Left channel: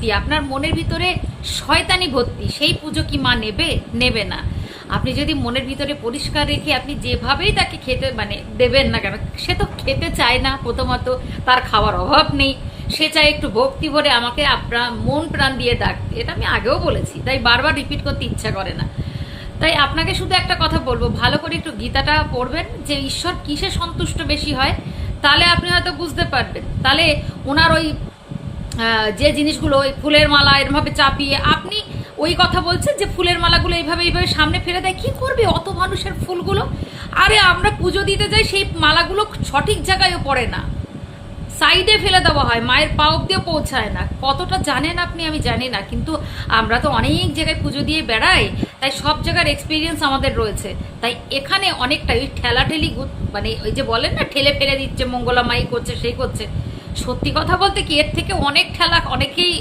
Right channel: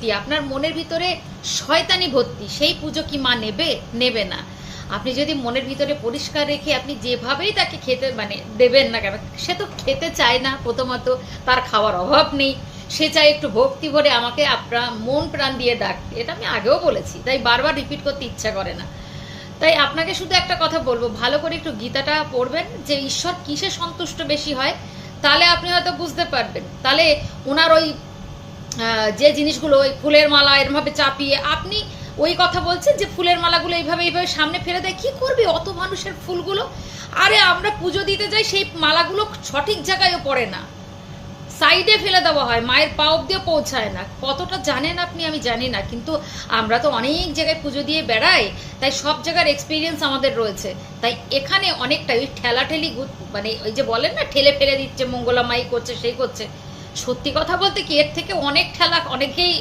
ভর্তি, আপনার মনের ভিতরে শয়তানি ভর্তি, সেই পুজো কি মা নেবে না। আপনি যদি মনের ভিতরে পরিষ্কার রেখে আপনি যেভাবেই তাকে খেতে দেবেন না কেন, সে তো খেতে চায় না, প্রথমত তার খাওয়ার অভাব নেই, সে চায় একটু ভক্তি ভরে আমাকে আপনার মন প্রাণ দিয়ে ডাকতে। এটা আমি আগেও বলেছি, তাই বারবার রিপিট করতে ইচ্ছা করে না। তাই আপনাকে শুধু একটা কথা বলবো, ভালো করে একটু গীতাটা পড়বেন, যে ঈশ্বর কিসে সন্তুষ্ট বেশি হয়, তাহলে আপনি হয়তো বুঝতে পারবেন। তাহলে ওনার ওই যে জিনিসগুলো, ওই ফুলের মালা এরভাবে চাপিয়ে আপনি ওই কথা বলছেন যে ফুলের মালাগুলো এইভাবে সামনে ফেলে দেয়, কি করবে অত মানুষের ফুলগুলো? আরে আমরা পুজো দিতে যাই, সেই মালাগুলো সঠিক জায়গায়ও পড়ে না, সাইডে ফেলে দেওয়া হয়, মায়ের পা অব্দিও পৌঁছায় না। কতটা জানেন আপনি আমি জানি না, কিন্তু আমরা তো অনেক জায়গায় পুজো দিয়ে বেড়াই, তাই সব জায়গার এক্সপিরিয়েন্স আমাদের রয়েছে। তাই এখানে অনেকটা ওই ঠেলাঠেলি, ওই যে বলেন না ঠেলে ফেলে দিচ্ছে, মঙ্গলা মাই করছে সেই করছে, সত্যি কথা বলতে কি এর থেকে অনেক খেলা অনেকেই